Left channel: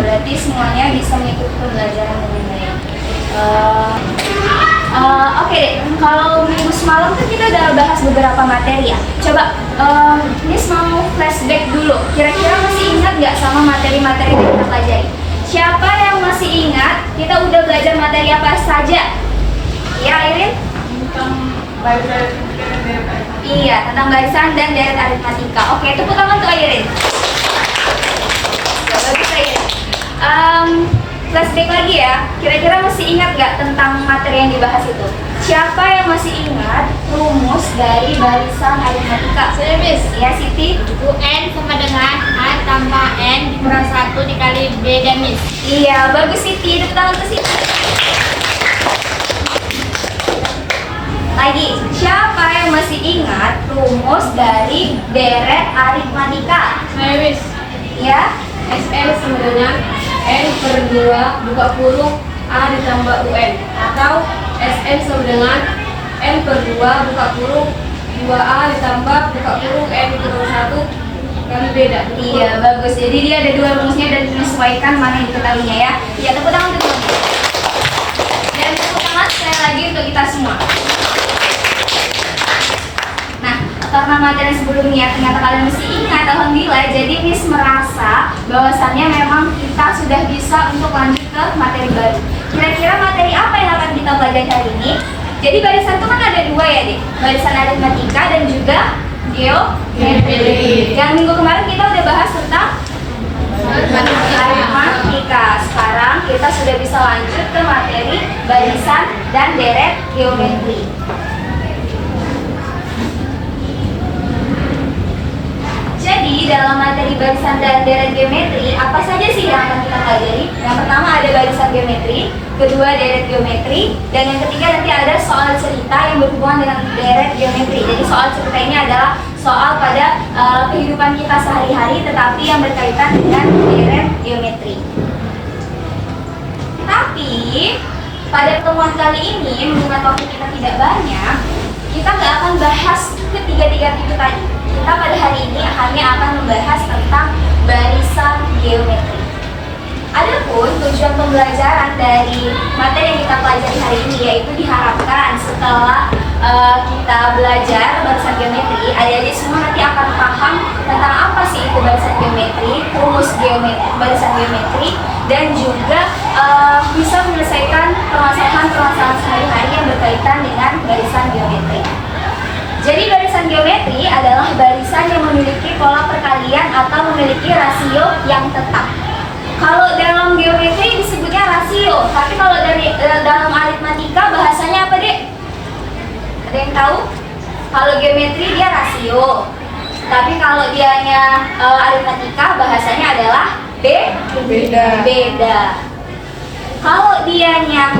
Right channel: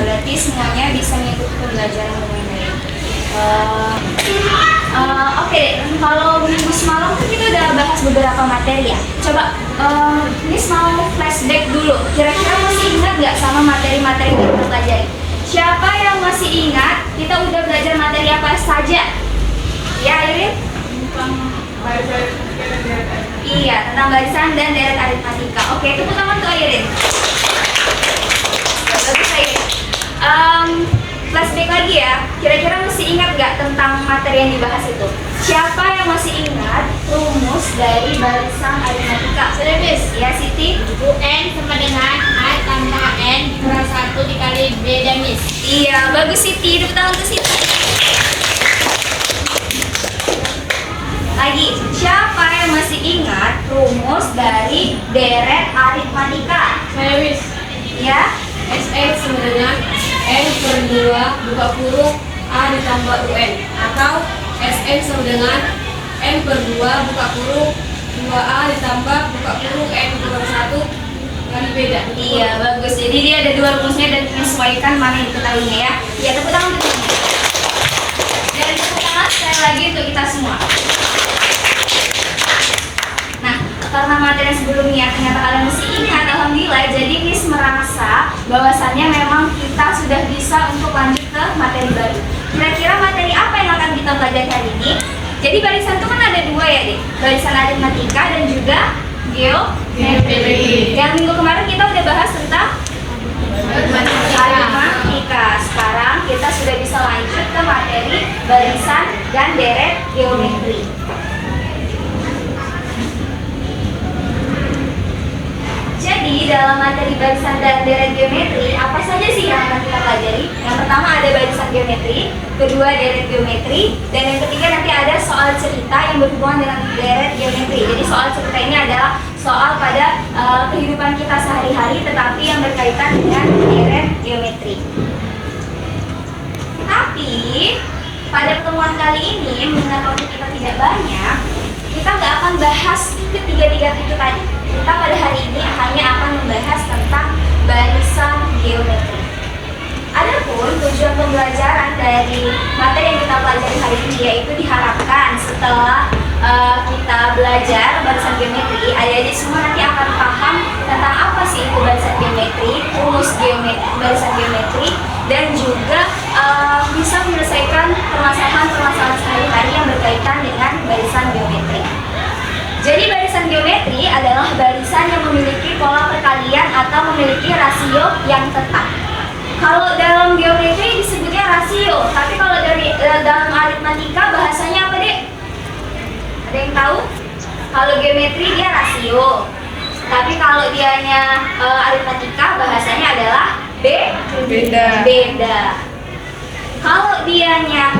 berarti semuanya bisa mengikuti pembelajaran dengan baik. Oke deh, kalau minggu semalam kan kita udah bahas beberapa materi ya. Coba Miss mau flashback dulu. Kira-kira masih ingat nggak sama materi-materi yang kita pelajari? Siapa yang masih ingat kita udah belajar materi apa saja? Ya, Irin? Tentang barisan. Iya, tentang barisan dan deret aritmatika. Oke, tepuk tangan untuk Irin. Bagus, Irin. Flashback lagi ya, kira-kira masih ingat nggak tentang materi yang dibahas itu? Siapa yang masih ingat rumus dari barisan aritmatika? Sudah, Miss. Ya, Siti? UN sama dengan A tambah N kurang 1 dikali B dan Miss. Iya, bagus Siti, tepuk tangan untuk Siti. Lagi, siapa yang masih ingat rumus dari deret aritmatika? Saya, Miss. Ya? SN sama dengan N per 2 buka kurung A ditambah UN, atau SN sama dengan N per 2 buka kurung 2A ditambah buka kurung N kurang 1 kali beda. Iya, bagus. Jadi dia ada dua rumusnya dan menyesuaikan mana yang diketahuinya ya. Ya, tepuk tangan untuk semuanya. Dan tepuk tangan sekali lagi untuk kita semua. Nah, karena materi sebelumnya ternyata kalian masih ingat, alhamdulillah. Jadi Miss merasa bahwasannya memang kita sudah bisa untuk lanjut ke materi baru. Kira-kira materi apa yang akan kita pelajari hari ini? Jadi barisan itu kan ada dua ya, Dik. Barisan aritmatika dan juga geometri. Yang minggu kemarin kita udah bahas tentang aritmatika. Sekarang kita sudah bisa lanjut ke materi barisan dan deret geometri. Jadi dalam materi barisan dan deret geometri, apa saja sih yang akan kita pelajari? Yang pertama ada barisan geometri, kedua deret geometri, dan yang ketiga nanti ada soal cerita yang berhubungan dengan deret geometri. Jadi soal cerita ini adalah soal pada kehidupan kita sehari-hari, tetapi yang berkaitan dengan deret geometri. Tapi pada pertemuan kali ini, mengingat waktu kita tidak banyak, kita nggak akan bahas ketiga-tiga titik tadi. Kita pada hari ini hanya akan membahas tentang barisan geometri. Adapun tujuan pembelajaran dari materi yang kita pelajari hari ini, yaitu diharapkan setelah kita belajar barisan geometri, adik-adik semua nanti akan paham tentang apa sih itu barisan geometri, rumus geometri, barisan geometri, dan juga bisa menyelesaikan permasalahan-permasalahan sehari-hari yang berkaitan dengan barisan geometri. Jadi barisan geometri adalah barisan yang memiliki pola perkalian atau memiliki rasio yang tetap. Kalau dalam geometri disebutnya rasio, tapi kalau dalam aritmatika bahasanya apa, Dek? Ada yang tahu? Kalau geometri dia rasio, tapi kalau dianya aritmatika bahasanya adalah beda. Kalau dianya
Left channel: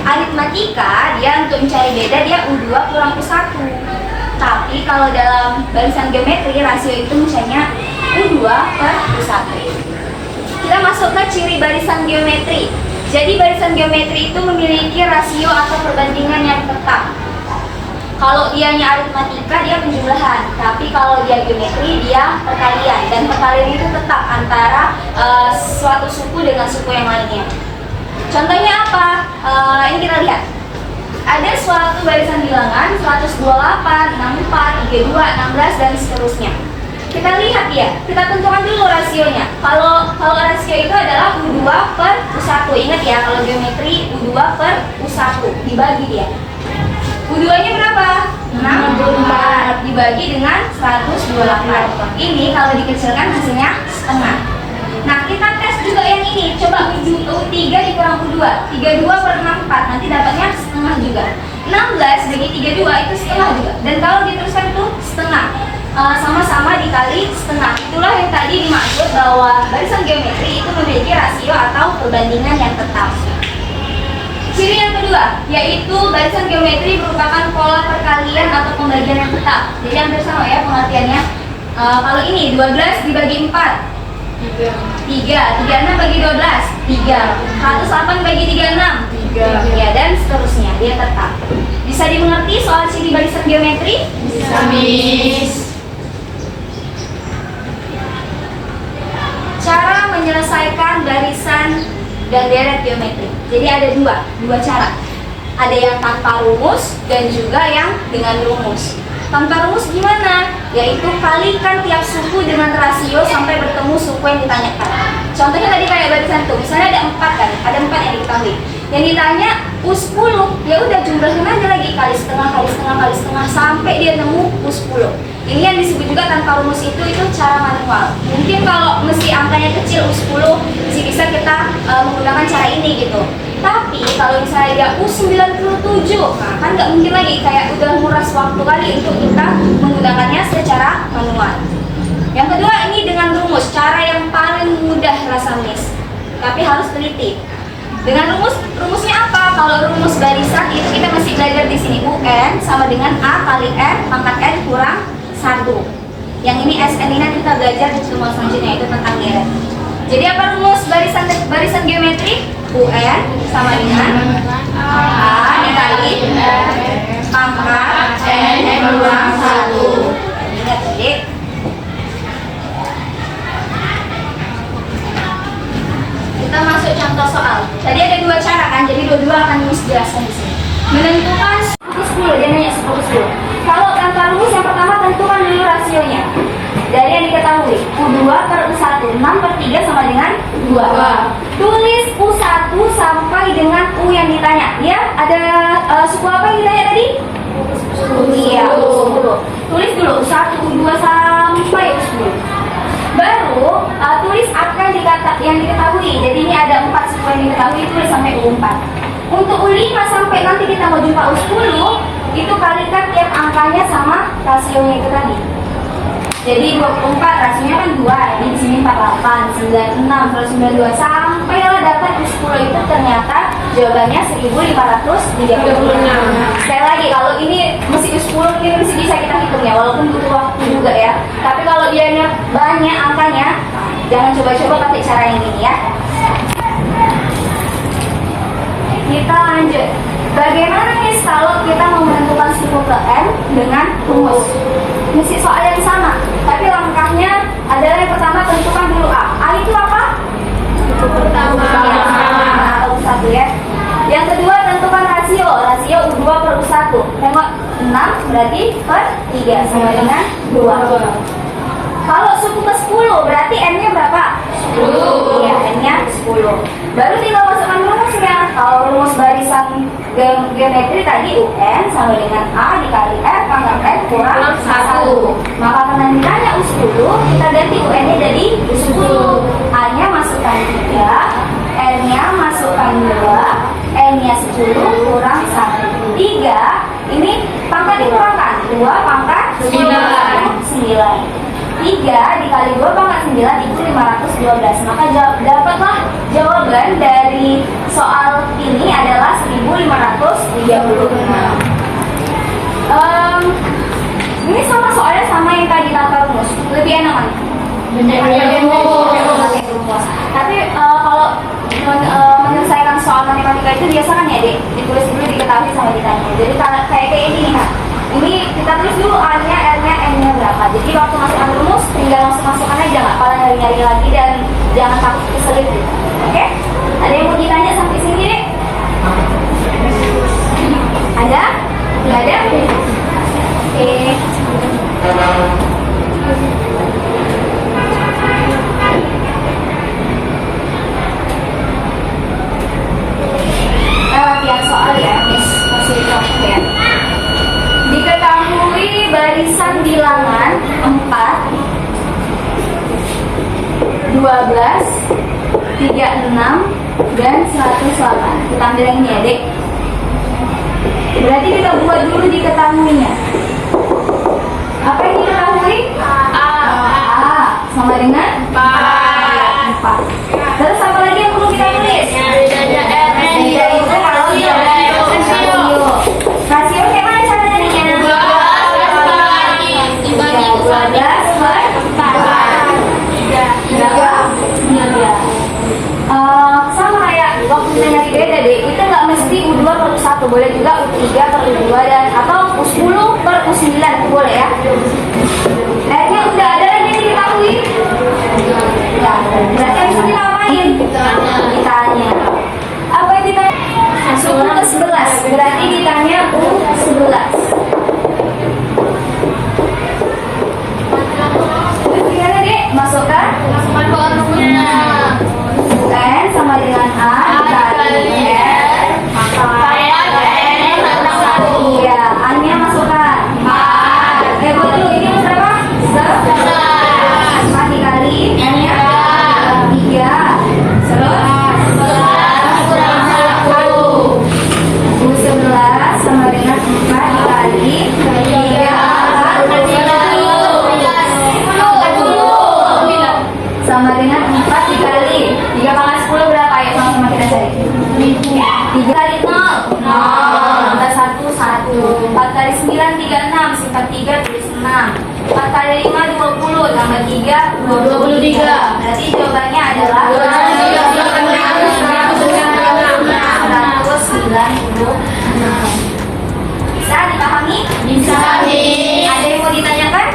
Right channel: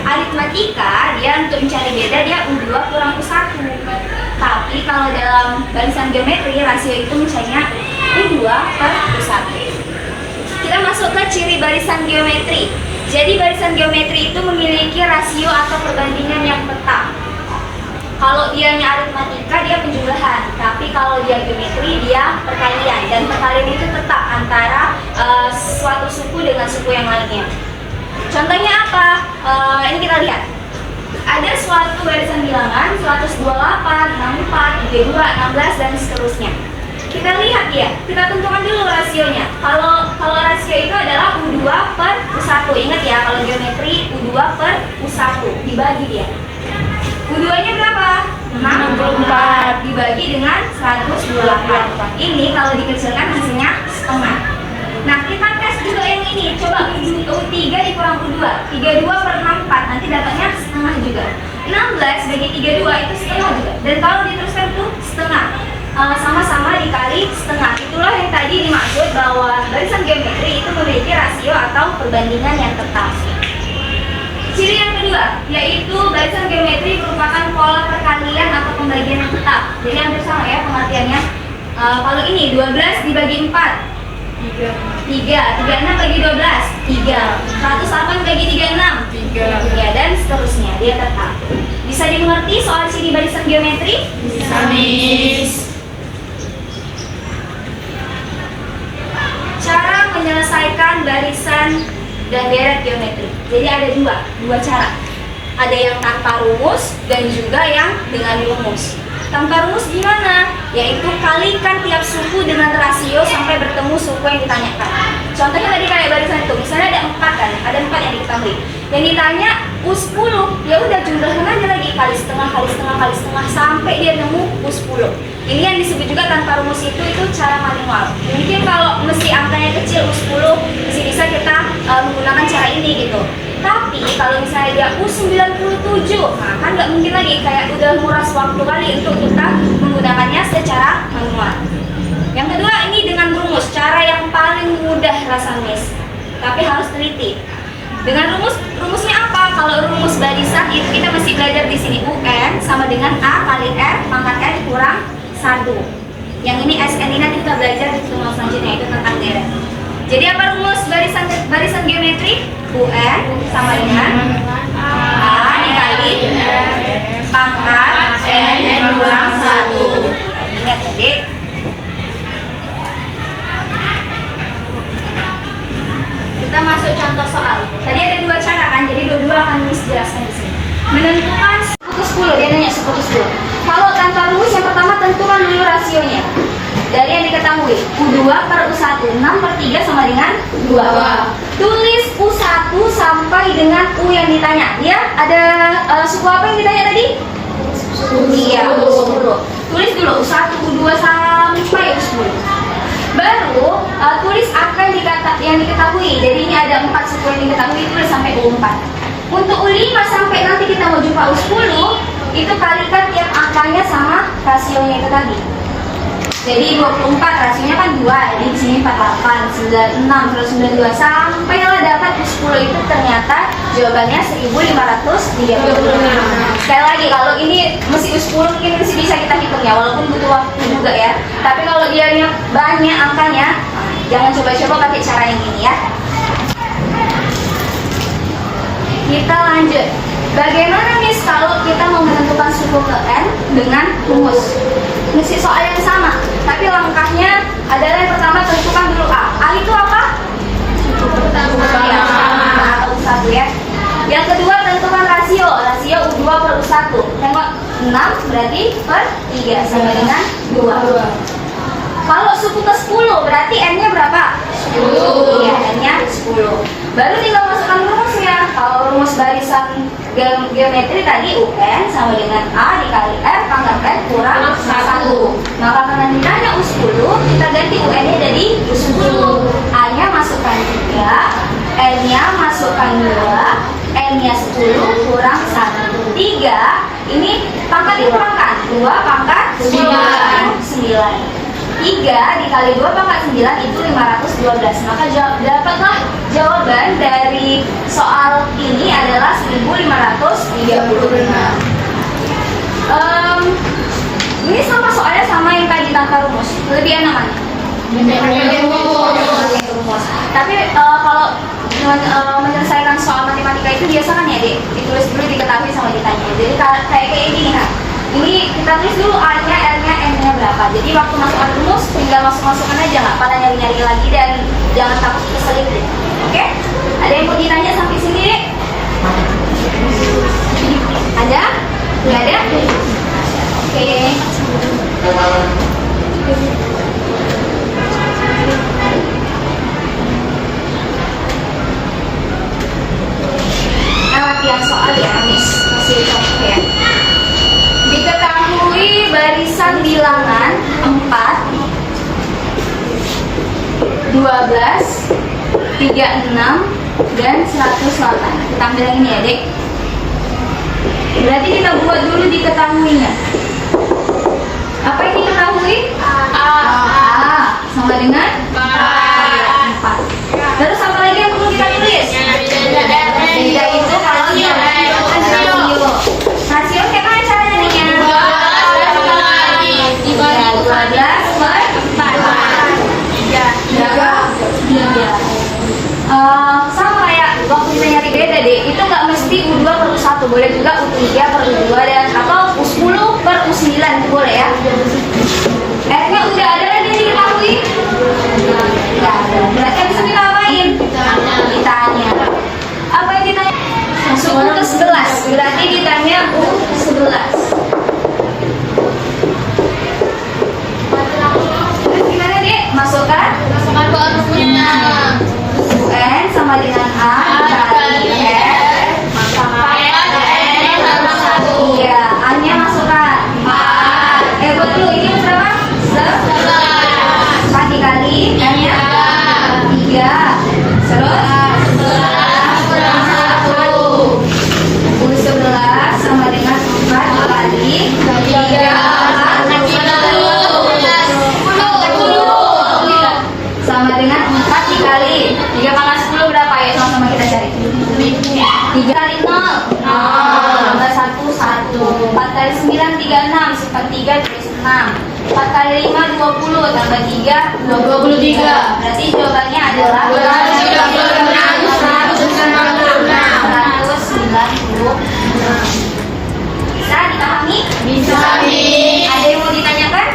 aritmatika, dia untuk mencari beda dia U2 kurang U1. Tapi kalau dalam barisan geometri, rasio itu misalnya U2 per U1. Kita masuk ke ciri barisan geometri. Jadi barisan geometri itu memiliki rasio atau perbandingan yang tetap. Kalau dianya aritmatika, dia penjumlahan. Tapi kalau dia geometri, dia perkalian. Dan perkalian itu tetap antara suatu suku dengan suku yang lainnya. Contohnya apa? Ini kita lihat. Ada suatu barisan bilangan 128, 64, 32, 16 dan seterusnya. Kita lihat ya, kita tentukan dulu rasionya. Kalau rasio itu adalah U2 per U1. Ingat ya, kalau geometri U2 per U1 dibagi dia. U2-nya berapa? 64 dibagi dengan 128. Ini kalau dikecilkan hasilnya setengah. Nah, kita tes juga yang ini. Coba U3 dikurang U2, 32 per 64, nanti dapatnya setengah juga. 16 bagi 32 itu setengah juga. Dan kalau diteruskan itu setengah, sama-sama dikali setengah. Itulah yang tadi dimaksud bahwa barisan geometri itu memiliki rasio atau perbandingan yang tetap. Ciri yang kedua, yaitu barisan geometri merupakan pola perkalian atau pembagian yang tetap. Jadi hampir sama ya pengertiannya. Kalau ini 12 dibagi 4, 3, 36 bagi 12, 3, 108 bagi 36, 3, ya, dan seterusnya, dia tetap. Bisa dimengerti soal ciri barisan geometri? Bisa, Miss. Cara menyelesaikan barisan dan deret geometri. Jadi ada dua cara. Ada yang tanpa rumus dan juga yang dengan rumus. Tanpa rumus gimana? Yaitu kalikan tiap suku dengan rasio sampai bertemu suku yang ditanyakan. Contohnya tadi kayak barisan tuh, misalnya ada 4 kan, ada 4 yang diketahui. Yang ditanya U10, ya udah jumlahin aja lagi kali setengah sampai dia nemu U10. Ini yang disebut juga tanpa rumus itu cara manual. Mungkin kalau mesti angkanya kecil U10 bisa kita menggunakan cara ini gitu. Tapi kalau misalnya dia U97, nah kan nggak mungkin lagi, kayak udah nguras waktu kali untuk kita menggunakannya secara manual. Yang kedua ini dengan rumus, cara yang paling mudah rasa miss, tapi harus teliti. Dengan rumusnya apa? Kalau rumus barisan itu kita masih belajar di sini UN sama dengan A kali R pangkat N kurang 1. Yang ini SN ini nanti kita belajar di pertemuan selanjutnya, yaitu tentang deret. Jadi apa rumus barisan geometri? UN sama dengan A dikali pangkat N kurang 1. Ingat adik. Kita masuk contoh soal. Tadi ada 2 cara kan, jadi dua-dua akan Miss jelaskan di sini. Menentukan suku 10, dia nanya suku 10. Kalau tanpa rumus yang pertama tentukan dulu rasionya. Dari yang diketahui, U2 per U1, 6 per 3 sama dengan 2. Tulis U1 sampai dengan U yang ditanya. Ya, ada suku apa yang ditanya tadi? Iya, U10. Tulis dulu U1, U2 sampai U10. Baru tulis angka yang diketahui. Jadi ini ada 4 suku yang diketahui, tulis sampai U4. Untuk U5 sampai nanti kita mau jumpa U10, itu kalikan tiap angkanya sama rasionya itu tadi. Jadi 24 rasionya kan 2, di sini 48, 96, 192 sampailah dapat U10 itu ternyata jawabannya 1536. Sekali lagi kalau ini mesti U10 mungkin masih bisa kita hitung ya, walaupun butuh waktu juga ya. Tapi kalau dianya banyak angkanya, jangan coba-coba pakai cara yang ini ya. Kita lanjut. Bagaimana Miss kalau kita mau menentukan suku ke N dengan rumus? Mesti soal yang sama, tapi langkahnya adalah yang pertama tentukan dulu A. A itu apa? Pertama. U1 ya. Yang kedua tentukan rasio. Rasio U2 per U1. Tengok 6 berarti per 3 sama dengan 2. Kalau suku ke 10 berarti N-nya berapa? 10. Iya, N-nya 10. Baru tinggal masukkan rumusnya. Kalau rumus barisan geometri tadi UN sama dengan A dikali R pangkat N kurang 1. Maka karena ditanya U10, kita ganti UN-nya jadi U10. A-nya masukkan 3, N-nya masukkan 2, N-nya 10 kurang 1. 3, ini pangkat dikurangkan. 2 pangkat 9. 3 dikali 2 pangkat 9 itu 512. Maka dapatlah jawaban dari soal ini adalah 1536. Ini sama soalnya sama yang tadi tanpa rumus. Lebih enak mana? Pakai rumus. Tapi kalau menyelesaikan soal matematika itu biasa kan ya dek, ditulis dulu diketahui sama ditanya. Jadi kayak ini kan. Ini kita tulis dulu A-nya, R-nya, N-nya berapa. Jadi waktu masukkan rumus tinggal masuk-masukkan aja, nggak pala nyari-nyari lagi dan jangan takut keselip deh. Oke? Ada yang mau ditanya sampai sini deh? Ada? Nggak ada? Oke. Latihan soal ya, Miss. Masih contoh ya. Diketahui barisan bilangan 4, 12, 36, dan 108. Kita ambil yang ini ya dek. Berarti kita buat dulu diketahuinya. Apa yang diketahui? A sama dengan 4. Terus apa lagi yang perlu kita tulis? Beda itu kalau kita rasio. Rasio kayak mana caranya nih? 12 per 4. Berapa? 3. Sama kayak waktu kita nyari beda deh, itu nggak mesti U2 per U1, boleh juga U3 per U2 dan atau U10 per U9 itu boleh ya. R-nya udah ada lagi yang diketahui? Nggak ada. Berarti bisa kita dikali N-nya 3. Terus 11 sama dengan 4 dikali 3 sama dengan 4 dikali 3 pangkat 10 berapa ya? Sama-sama kita cari. 3 kali 0 tambah 1 1. 4 kali 9 36. Simpan 3 tulis 6. 4 kali 5 20 tambah 3 23. Berarti jawabannya adalah 190. Bisa dipahami? Bisa. Ada yang mau ditanyakan?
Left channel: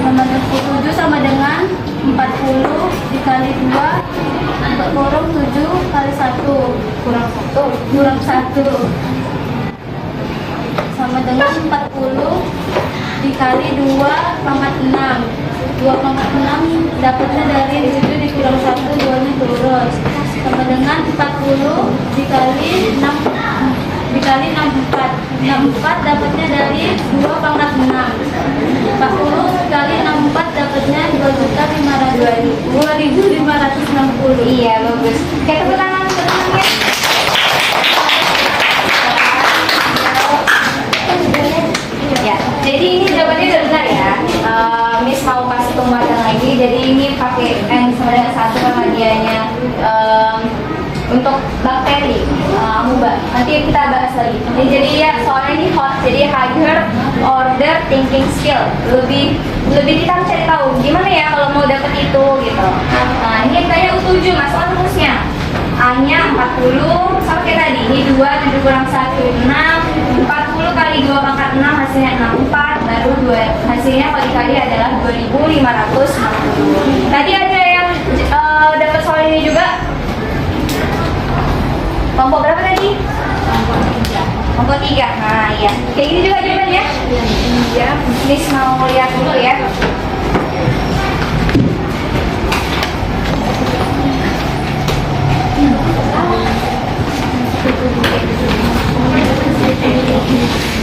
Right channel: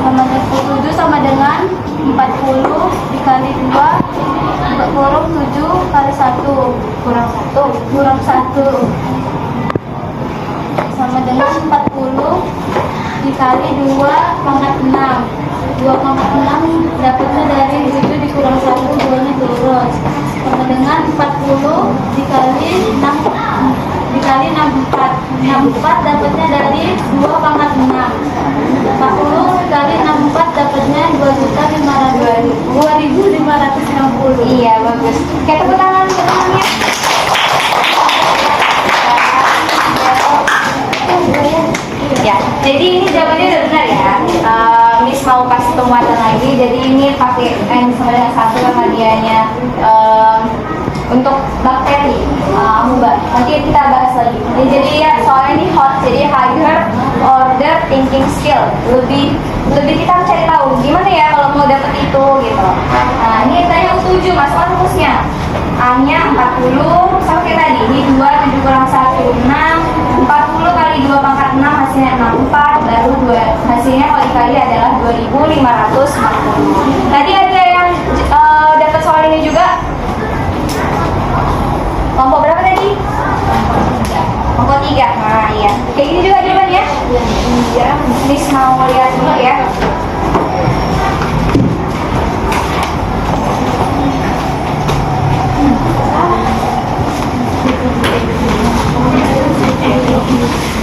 Nomor 7 sama dengan 40 dikali 2 kurung 7 kali 1 kurang 1 sama dengan 40 dikali 2 pangkat 6. 2 pangkat 6 dapatnya dari 7 dikurang 1, 2 nya lurus sama dengan 40 dikali 6 dikali 64 dapatnya dari 2 pangkat 6. 40 dikali 64 dapatnya 2.560. Iya, bagus. Kayak tepuk tangan teman-teman. Ya, jadi ini jawabannya udah benar ya. Miss mau kasih penguatan lagi. Jadi ini pakai N sama dengan 1 sama dianya untuk bakteri amuba. Nanti kita bahas lagi. Jadi ya soalnya ini hot, jadi higher order thinking skill. Lebih kita harus cari tahu gimana ya kalau mau dapet itu gitu. Nah ini tanya U7 masuk rumusnya. A-nya 40 sama kayak tadi. Ini 2 7 kurang 1 6. 40 kali 2 pangkat 6 hasilnya 64. Baru 2 hasilnya kalau dikali adalah 2.540. Tadi ada yang dapat soal ini juga. Kelompok berapa tadi? Kelompok 3. Nah iya. Kayak gini juga jawabannya? Iya. Miss mau lihat dulu ya.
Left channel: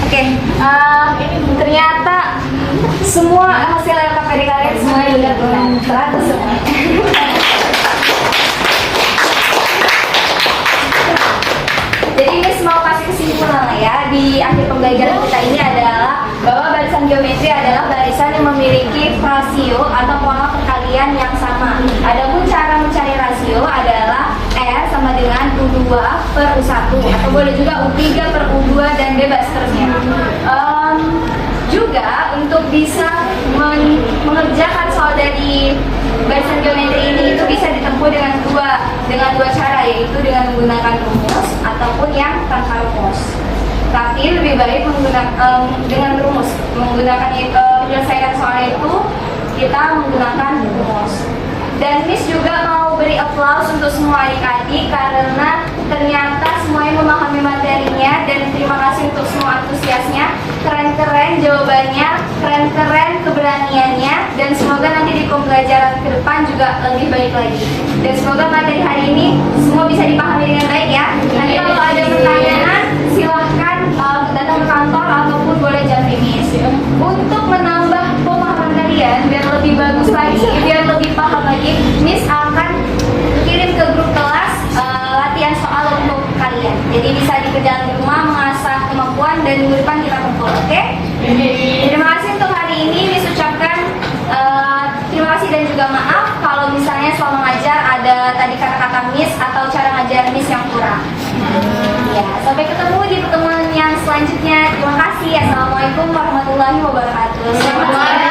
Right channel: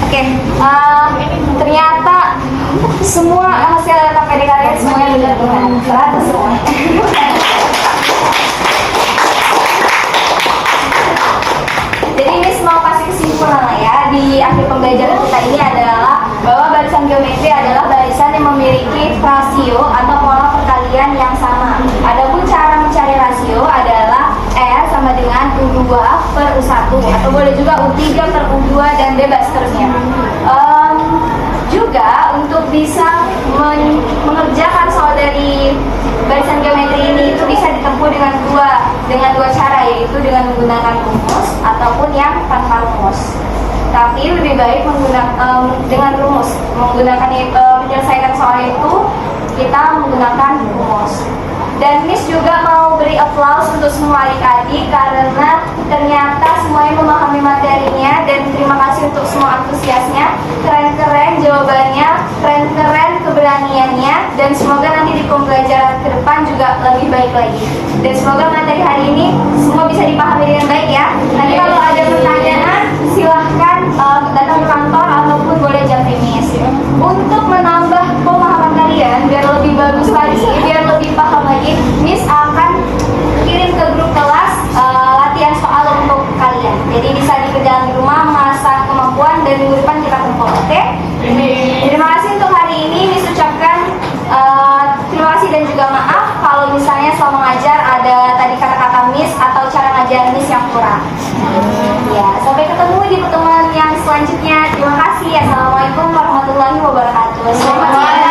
Oke, ternyata semua hasil LKPD kalian semuanya benar-benar semua. Jadi Miss mau kasih kesimpulan lah ya di akhir pembelajaran kita ini adalah bahwa barisan geometri adalah barisan yang memiliki rasio atau pola perkalian yang sama. Adapun cara mencari rasio adalah S sama dengan U2 per U1 atau boleh juga U3 per U2 dan bebas seterusnya. Juga untuk bisa mengerjakan soal dari barisan geometri ini itu bisa ditempuh dengan dua cara, yaitu dengan menggunakan rumus ataupun yang tanpa rumus. Tapi lebih baik dengan rumus, menyelesaikan soal itu kita menggunakan rumus. Dan Miss juga mau beri applause untuk semua adik-adik karena ternyata semuanya memahami materinya, dan terima kasih untuk semua antusiasnya. Keren-keren jawabannya, keren-keren keberaniannya, dan semoga nanti di pembelajaran ke depan juga lebih baik lagi. Dan semoga materi hari ini semua bisa dipahami dengan baik ya. Nanti kalau ada pertanyaan silahkan datang ke kantor ataupun boleh japri Miss. Untuk menambah pemahaman kalian biar lebih bagus lagi, biar lebih paham lagi, Miss akan kirim ke grup kelas yang kurang. Ya, sampai ketemu di pertemuan yang selanjutnya. Terima kasih. Assalamualaikum warahmatullahi wabarakatuh. Selamat